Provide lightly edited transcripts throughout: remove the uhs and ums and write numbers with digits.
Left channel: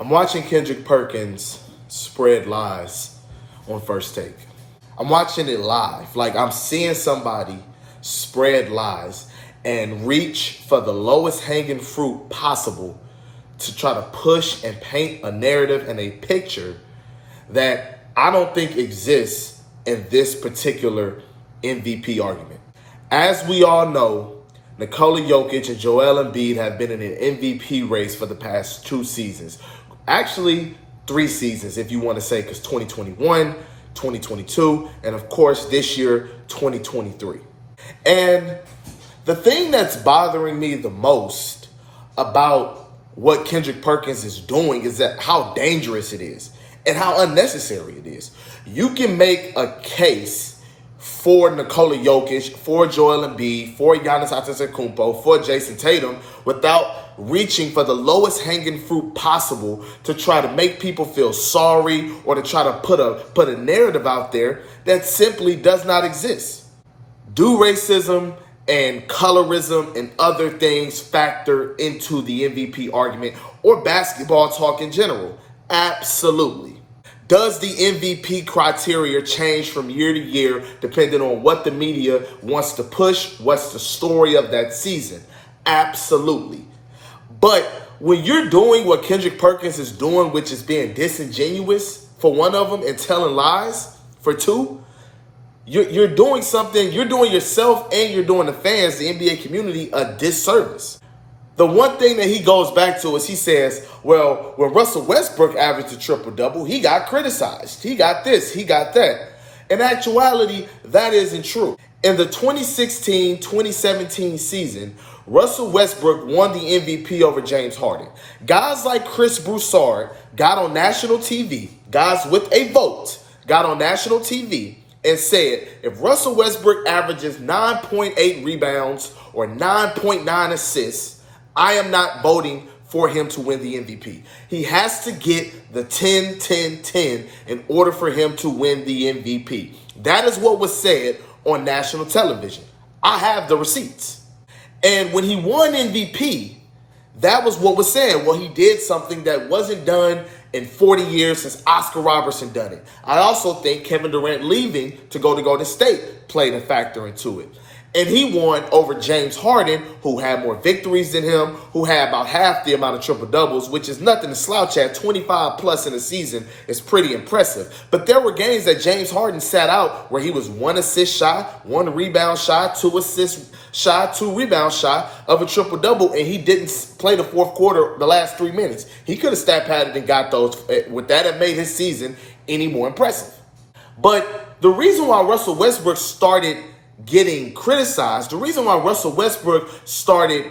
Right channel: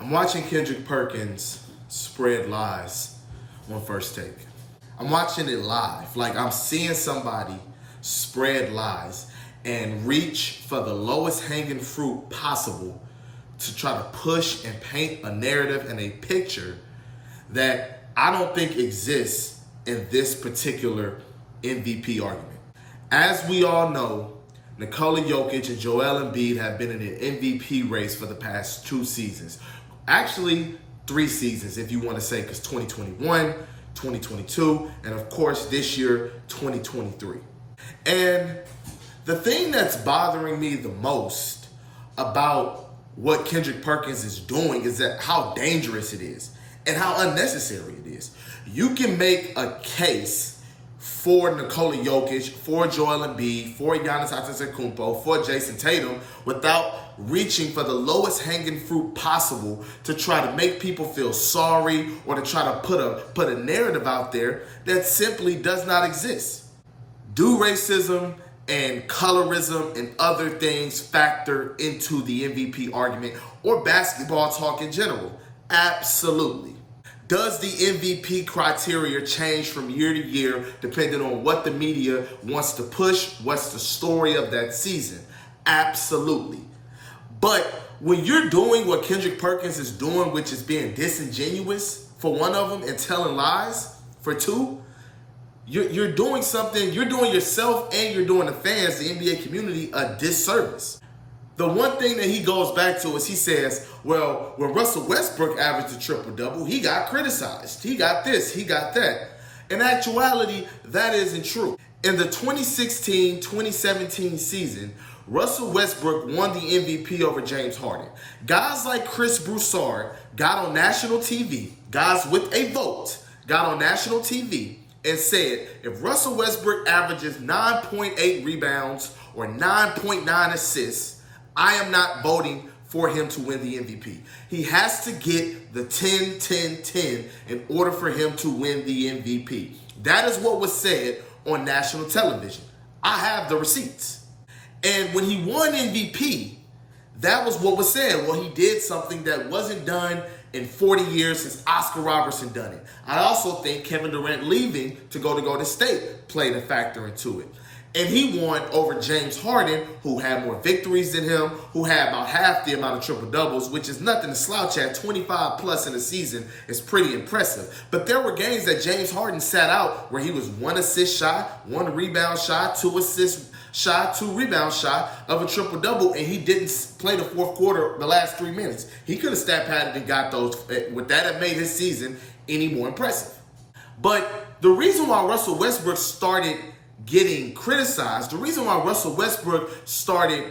I'm watching Kendrick Perkins spread lies on First Take. I'm watching it live. Like, I'm seeing somebody spread lies and reach for the lowest hanging fruit possible to try to push and paint a narrative and a picture that I don't think exists in this particular MVP argument. As we all know, Nikola Jokic and Joel Embiid have been in an MVP race for the past 2 seasons. Actually, 3 seasons if you want to say, because 2021, 2022, and of course this year, 2023. And the thing that's bothering me the most about what Kendrick Perkins is doing is that how dangerous it is and how unnecessary it is. You can make a case for Nikola Jokic, for Joel Embiid, for Giannis Antetokounmpo, for Jason Tatum without reaching for the lowest hanging fruit possible to try to make people feel sorry or to try to put a narrative out there that simply does not exist. Do racism and colorism and other things factor into the MVP argument or basketball talk in general? Absolutely. Does the MVP criteria change from year to year depending on what the media wants to push? What's the story of that season? Absolutely. But when you're doing what Kendrick Perkins is doing, which is being disingenuous for one of them and telling lies for two, you're doing something, you're doing yourself and you're doing the fans, the NBA community, a disservice. The one thing that he goes back to is he says, well, when Russell Westbrook averaged a triple-double, he got criticized. He got this, he got that. In actuality, that isn't true. In the 2016-2017 season, Russell Westbrook won the MVP over James Harden. Guys like Chris Broussard got on national TV, guys with a vote, got on national TV and said, if Russell Westbrook averages 9.8 rebounds or 9.9 assists, I am not voting for him to win the MVP. He has to get the 10-10-10 in order for him to win the MVP. That is what was said on national television. I have the receipts. And when he won MVP, that was what was said. Well, he did something that wasn't done in 40 years since Oscar Robertson done it. I also think Kevin Durant leaving to go to Golden State played a factor into it. And he won over James Harden, who had more victories than him, who had about half the amount of triple-doubles, which is nothing to slouch at. 25 plus in a season is pretty impressive. But there were games that James Harden sat out where he was 1 assist shy, 1 rebound shy, 2 assists shy, 2 rebound shy of a triple-double, and he didn't play the fourth quarter the last 3 minutes. He could have stat padded and got those. Would that have made his season any more impressive? But the reason why Russell Westbrook started getting criticized, the reason why Russell Westbrook started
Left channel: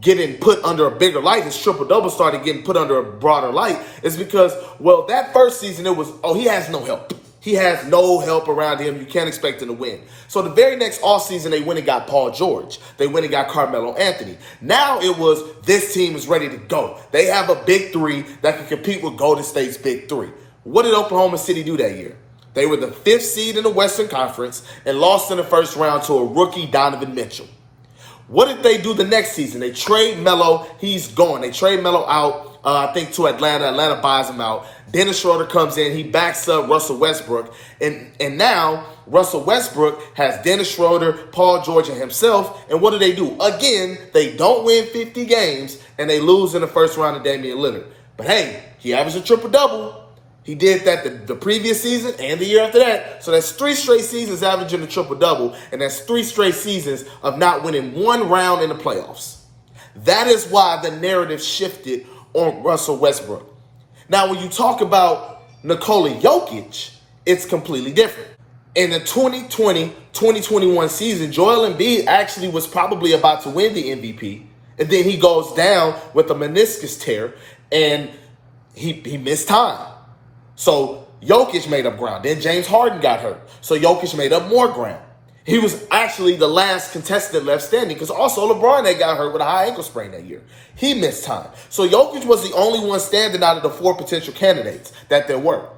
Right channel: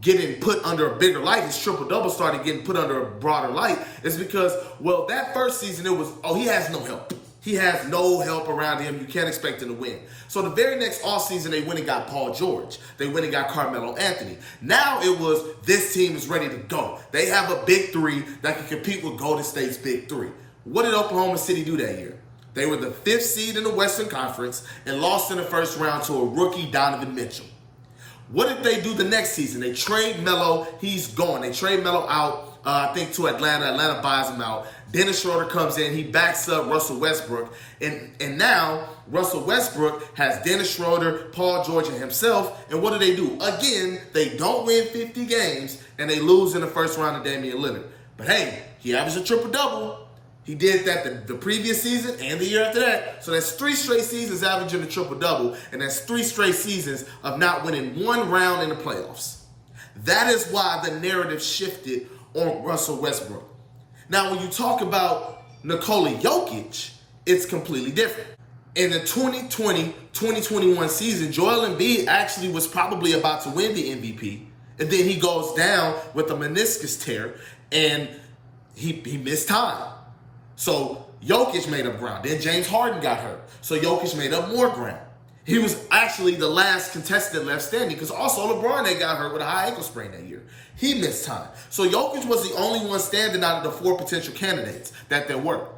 getting put under a bigger light, his triple-double started getting put under a broader light, is because, well, that first season it was, he has no help. He has no help around him. You can't expect him to win. So the very next offseason, they went and got Paul George. They went and got Carmelo Anthony. Now it was, this team is ready to go. They have a big three that can compete with Golden State's big three. What did Oklahoma City do that year? They were the 5th seed in the Western Conference and lost in the first round to a rookie, Donovan Mitchell. What did they do the next season? They trade Melo. He's gone. They trade Melo out, I think, to Atlanta. Atlanta buys him out. Dennis Schroeder comes in. He backs up Russell Westbrook. And now Russell Westbrook has Dennis Schroeder, Paul George, and himself. And what do? Again, they don't win 50 games, and they lose in the first round to Damian Lillard. But hey, he averaged a triple-double. He did that the previous season and the year after that. So that's 3 straight seasons averaging a triple-double, and that's 3 straight seasons of not winning 1 round in the playoffs. That is why the narrative shifted on Russell Westbrook. Now, when you talk about Nikola Jokic, it's completely different. In the 2020-2021 season, Joel Embiid actually was probably about to win the MVP, and then he goes down with a meniscus tear, and he missed time. So Jokic made up ground. Then James Harden got hurt. So Jokic made up more ground. He was actually the last contestant left standing because also LeBron had got hurt with a high ankle sprain that year. He missed time. So Jokic was the only one standing out of the 4 potential candidates that there were.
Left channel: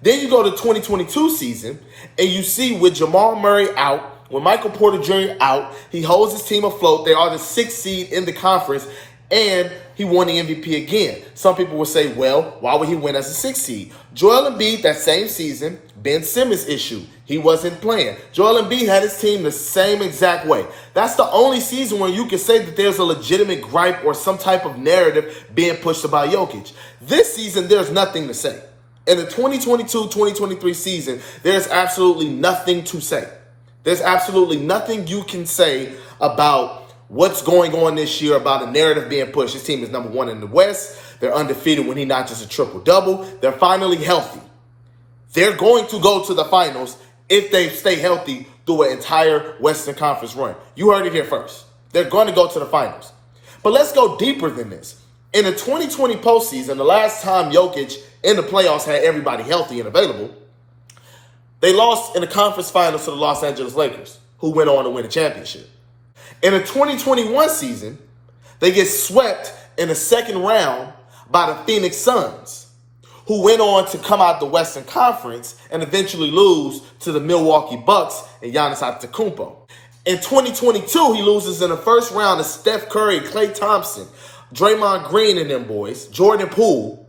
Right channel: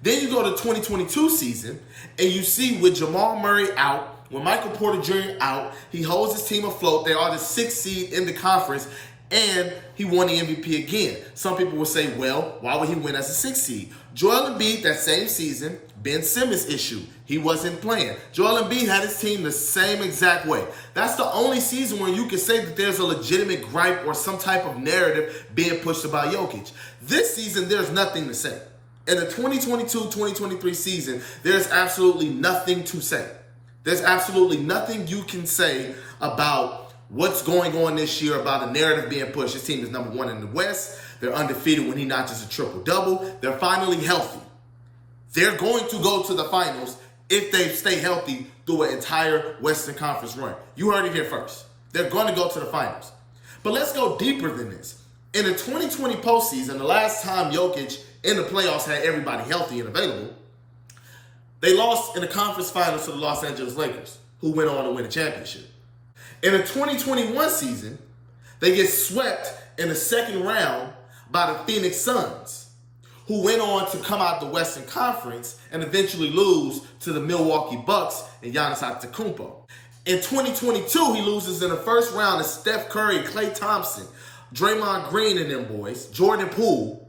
Then you go to the 2022 season and you see with Jamal Murray out, with Michael Porter Jr. out, he holds his team afloat. They are the 6th seed in the conference. And he won the MVP again. Some people will say, well, why would he win as a 6th seed? Joel Embiid, that same season, Ben Simmons issue. He wasn't playing. Joel Embiid had his team the same exact way. That's the only season where you can say that there's a legitimate gripe or some type of narrative being pushed about Jokic. This season, there's nothing to say. In the 2022-2023 season, there's absolutely nothing to say. There's absolutely nothing you can say about what's going on this year, about a narrative being pushed. His team is number 1 in the West. They're undefeated when he notches a triple-double. They're finally healthy. They're going to go to the finals if they stay healthy through an entire Western Conference run. You heard it here first. They're going to go to the finals. But let's go deeper than this. In the 2020 postseason, the last time Jokic in the playoffs had everybody healthy and available, they lost in the conference finals to the Los Angeles Lakers, who went on to win a championship. In the 2021 season, they get swept in the second round by the Phoenix Suns, who went on to come out the Western Conference and eventually lose to the Milwaukee Bucks and Giannis Antetokounmpo. In 2022, he loses in the first round to Steph Curry, Klay Thompson, Draymond Green and them boys, Jordan Poole,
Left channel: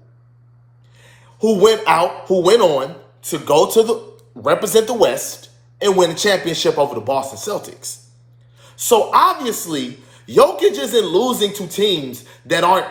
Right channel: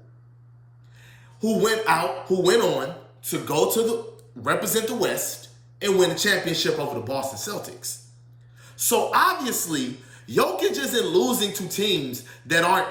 who went on to go to represent the West and win a championship over the Boston Celtics. So obviously, Jokic isn't losing to teams that aren't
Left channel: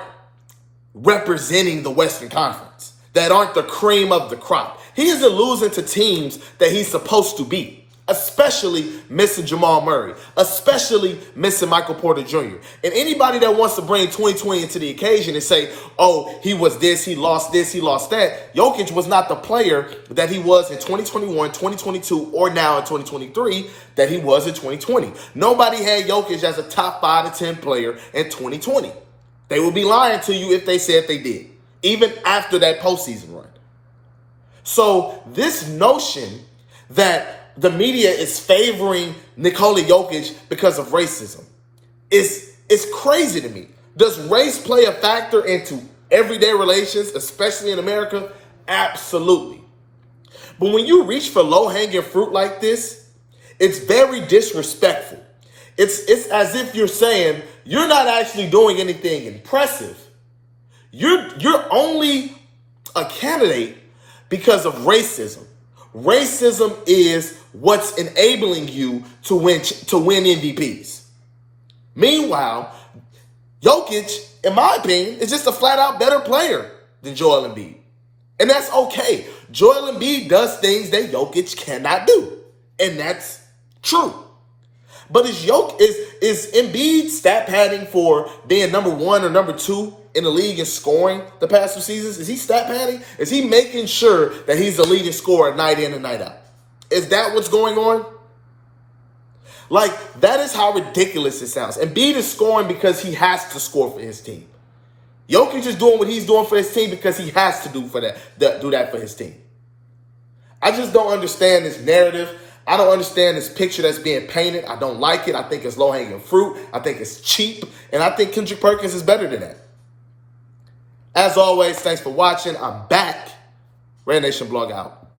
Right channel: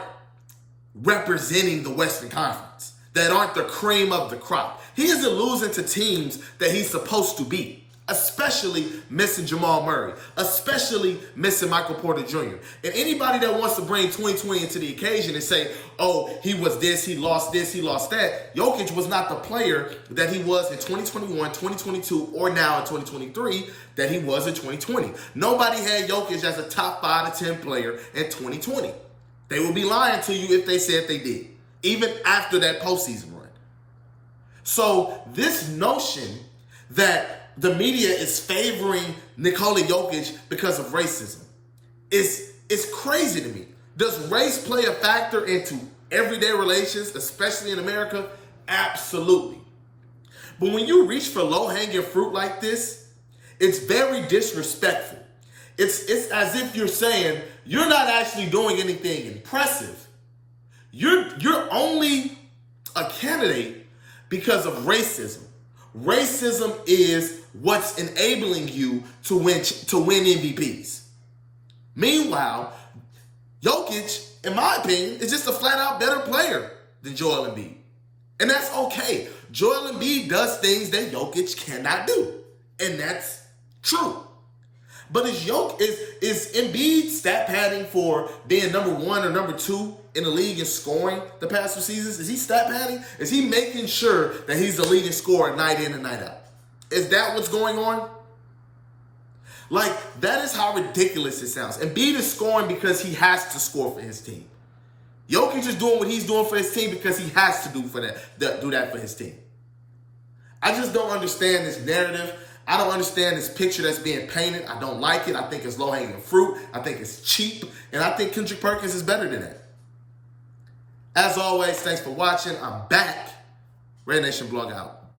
representing the Western Conference, that aren't the cream of the crop. He isn't losing to teams that he's supposed to beat, especially missing Jamal Murray, especially missing Michael Porter Jr. And anybody that wants to bring 2020 into the occasion and say, oh, he was this, he lost that. Jokic was not the player that he was in 2021, 2022, or now in 2023 that he was in 2020. Nobody had Jokic as a top 5 to 10 player in 2020. They would be lying to you if they said they did, even after that postseason run. So this notion that the media is favoring Nikola Jokic because of racism is crazy to me. Does race play a factor into everyday relations, especially in America? Absolutely. But when you reach for low-hanging fruit like this, it's very disrespectful. It's as if you're saying you're not actually doing anything impressive. You're only a candidate because of racism. Racism is what's enabling you to win MVPs. Meanwhile, Jokic, in my opinion, is just a flat-out better player than Joel Embiid. And that's okay. Joel Embiid does things that Jokic cannot do. And that's true. But is Embiid stat padding for being number 1 or number 2 in the league in scoring the past 2 seasons? Is he stat padding? Is he making sure that he's the leading scorer night in and night out? Is that what's going on? Like, that is how ridiculous it sounds. Embiid is scoring because he has to score for his team. Jokic is doing what he's doing for his team because he has to do that for his team. I just don't understand this narrative. I don't understand this picture that's being painted. I don't like it. I think it's low-hanging fruit. I think it's cheap. And I think Kendrick Perkins is better than that. As always, thanks for watching. I'm back. Red Nation Blog out.